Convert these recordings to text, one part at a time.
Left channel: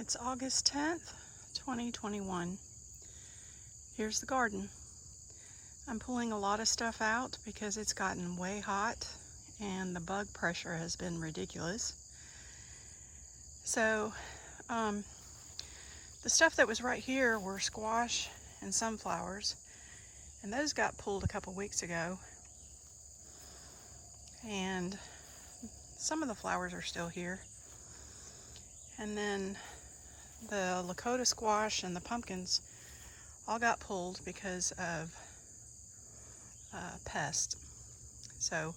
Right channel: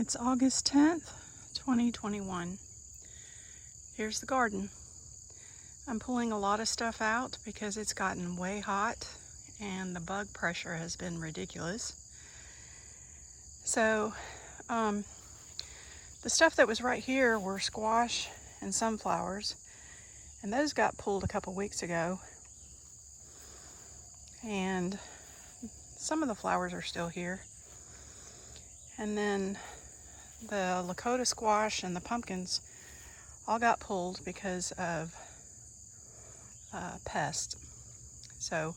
It's August 10th, 2021. Here's the garden. I'm pulling a lot of stuff out because it's gotten way hot and the bug pressure has been ridiculous. So, the stuff that was right here were squash and sunflowers, and those got pulled a couple weeks ago. And some of the flowers are still here. And then the Lakota squash and the pumpkins all got pulled because of pests. So,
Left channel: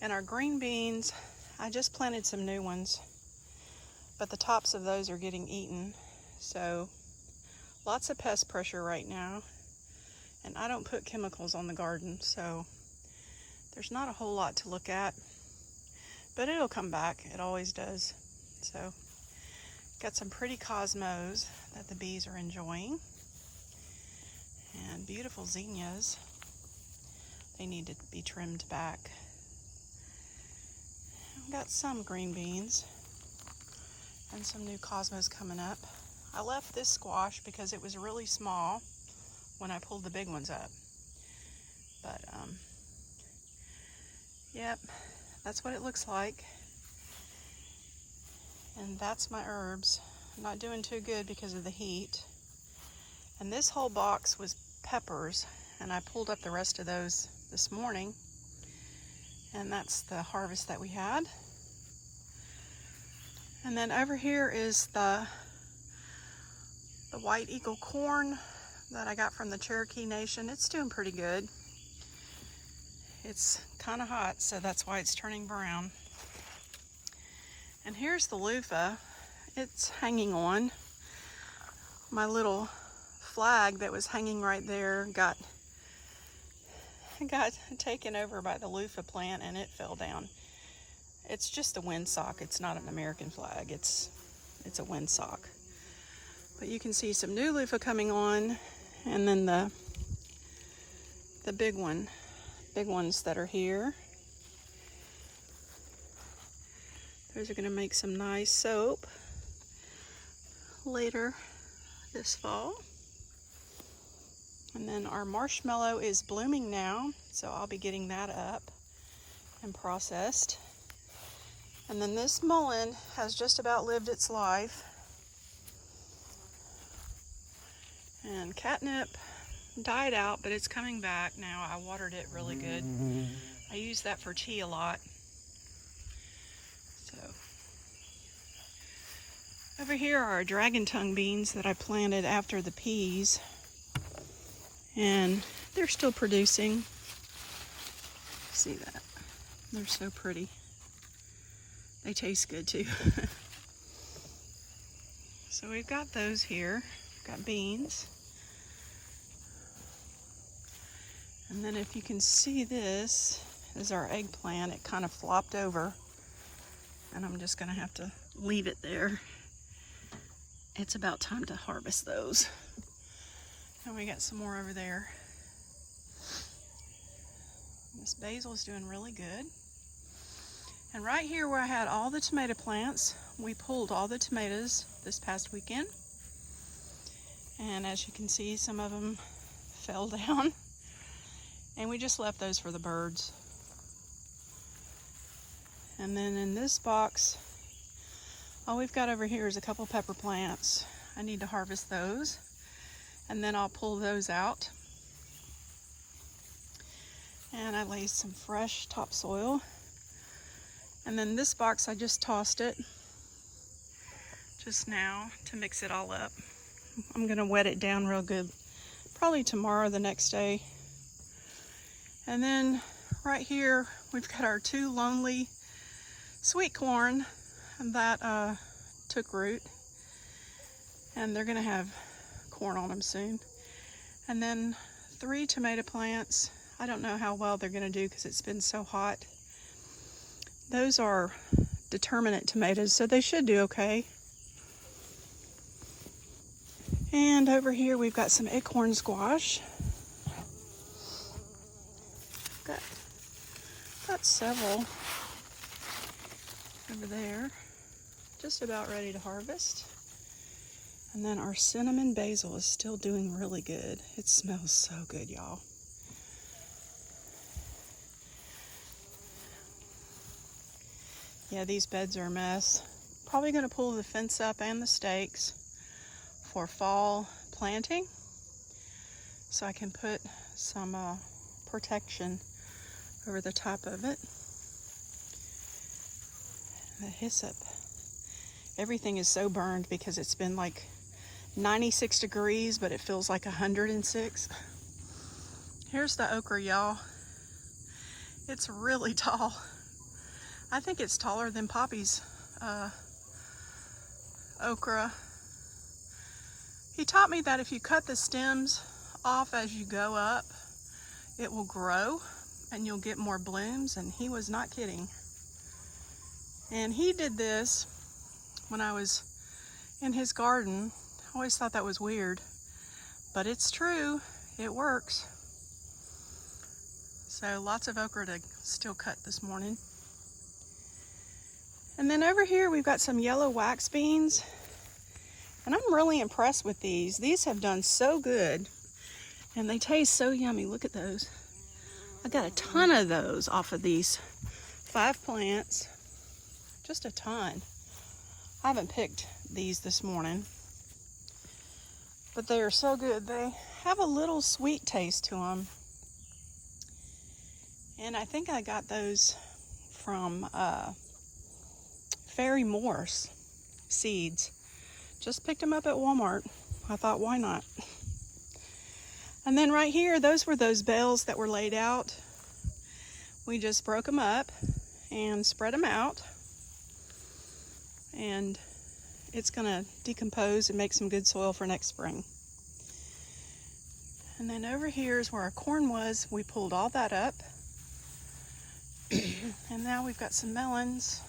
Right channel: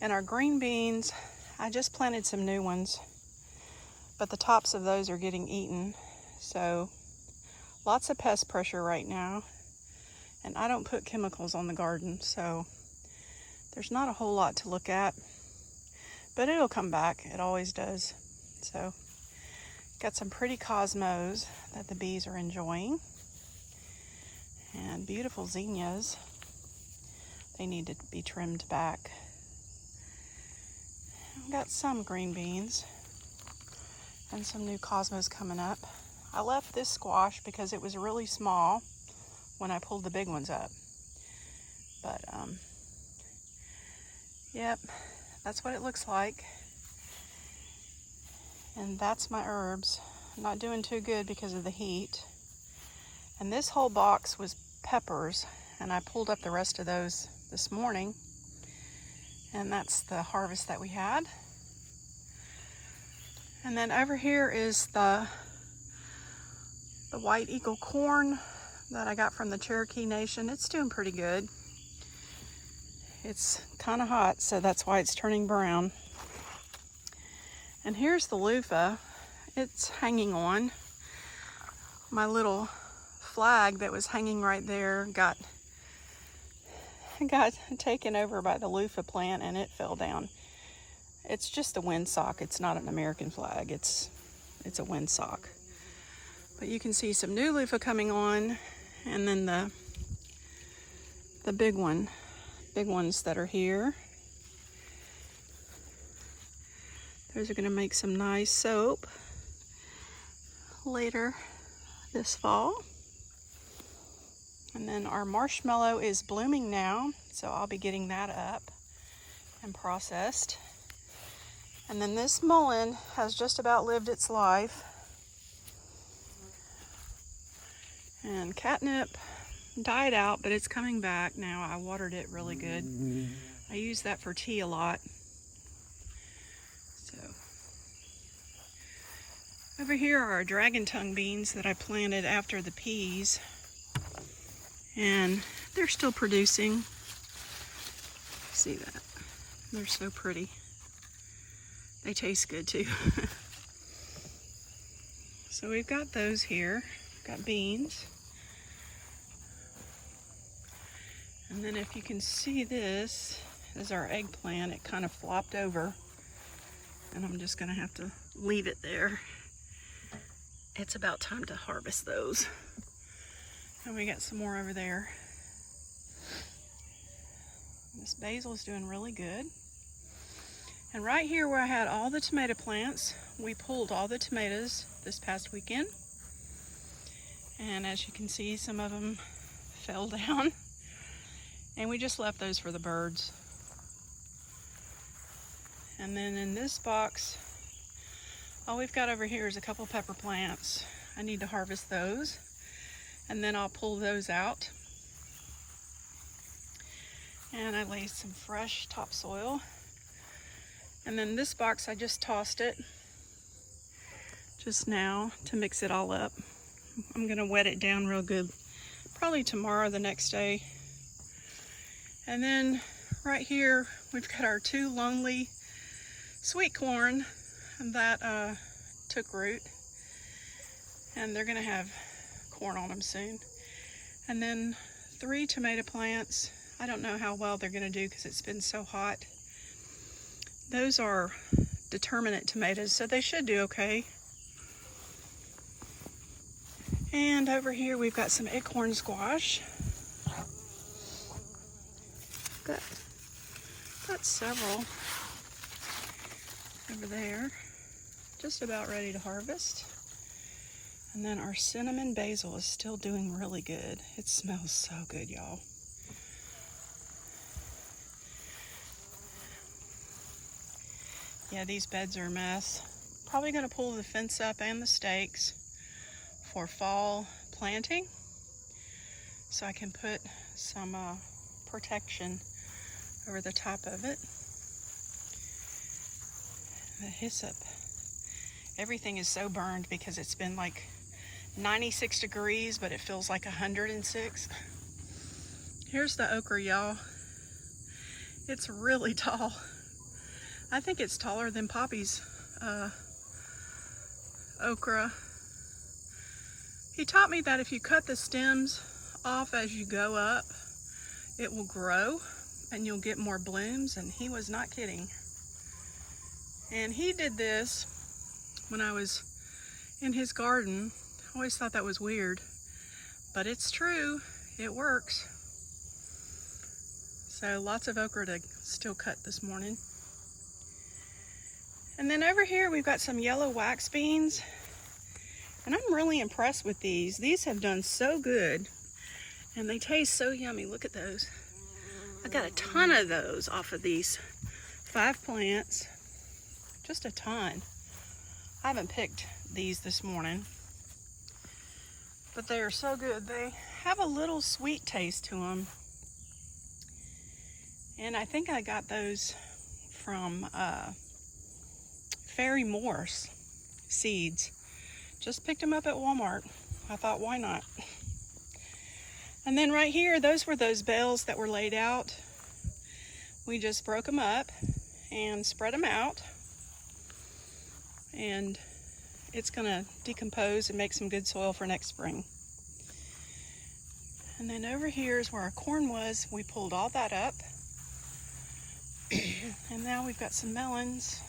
and our green beans, I just planted some new ones, but the tops of those are getting eaten. So, lots of pest pressure right now. And I don't put chemicals on the garden, so there's not a whole lot to look at. But it'll come back, it always does. So, got some pretty cosmos that the bees are enjoying. And beautiful zinnias. They need to be trimmed back. I've got some green beans and some new cosmos coming up. I left this squash because it was really small when I pulled the big ones up. But, yep, that's what it looks like. And that's my herbs. I'm not doing too good because of the heat. And this whole box was peppers, and I pulled up the rest of those this morning. And that's the harvest that we had. And then over here is the white eagle corn that I got from the Cherokee Nation. It's doing pretty good. It's kind of hot, so that's why it's turning brown. And here's the loofah. It's hanging on. My little flag that was hanging right there got taken over by the loofah plant and it fell down. It's just a windsock. It's not an American flag. It's a windsock. But you can see some new loofah coming on, and then the big ones that are here. Those are going to make some nice soap later this fall. And then our marshmallow is blooming now, so I'll be getting that up and processed. And then this mullein has just about lived its life. And catnip died out, but it's coming back now. I watered it really good. I use that for tea a lot. Over here are dragon tongue beans that I planted after the peas. And they're still producing. See that? They're so pretty. They taste good too. So we've got those here. We've got beans. And then if you can see, this is our eggplant. It kind of flopped over. And I'm just gonna have to leave it there. It's about time to harvest those. And we got some more over there. This basil is doing really good. And right here where I had all the tomato plants, we pulled all the tomatoes this past weekend. And as you can see, some of them fell down. And we just left those for the birds. And then in this box, all we've got over here is a couple pepper plants. I need to harvest those, and then I'll pull those out. And I laid some fresh topsoil. And then this box, I just tossed it just now to mix it all up. I'm gonna wet it down real good, probably tomorrow or the next day. And then right here, we've got our two lonely sweet corn that took root, and they're gonna have corn on them soon. And then 3 tomato plants. I don't know how well they're gonna do because it's been so hot. Those are determinate tomatoes, so they should do okay. And over here we've got some acorn squash. Got several over there. Just about ready to harvest. And then our cinnamon basil is still doing really good. It smells so good, y'all. Yeah, these beds are a mess. Probably gonna pull the fence up and the stakes for fall planting, so I can put some protection over the top of it. The hyssop. Everything is so burned because it's been like 96 degrees, but it feels like 106. Here's the okra, y'all. It's really tall. I think it's taller than Poppy's okra. He taught me that if you cut the stems off as you go up, it will grow and you'll get more blooms, and he was not kidding. And he did this when I was in his garden. I always thought that was weird, but it's true. It works. So lots of okra to still cut this morning. And then over here we've got some yellow wax beans, and I'm really impressed with these. These have done so good, and they taste so yummy. Look at those. I got a ton of those off of these 5 plants. Just a ton. I haven't picked these this morning, but they are so good. They have a little sweet taste to them. And I think I got those from Fairy Morse seeds. Just picked them up at Walmart. I thought, why not? And then right here, those were those bales that were laid out. We just broke them up and spread them out. And it's gonna decompose and make some good soil for next spring. And then over here is where our corn was. We pulled all that up. And now we've got some melons.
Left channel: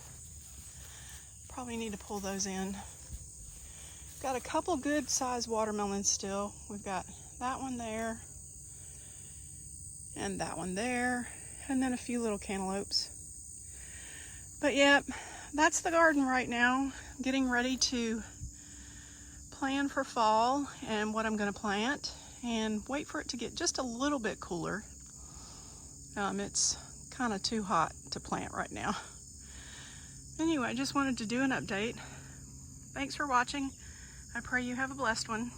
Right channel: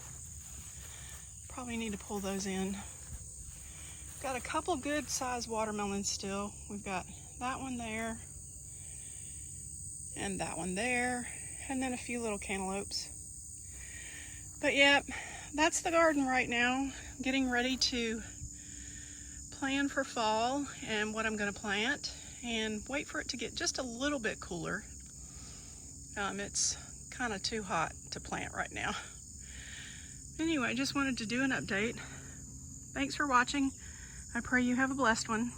Probably need to pull those in. Got a couple good sized watermelons still. We've got that one there, and that one there, and then a few little cantaloupes. But yeah, that's the garden right now. Getting ready to plan for fall and what I'm going to plant, and wait for it to get just a little bit cooler. It's kind of too hot to plant right now. Anyway, I just wanted to do an update. Thanks for watching. I pray you have a blessed one.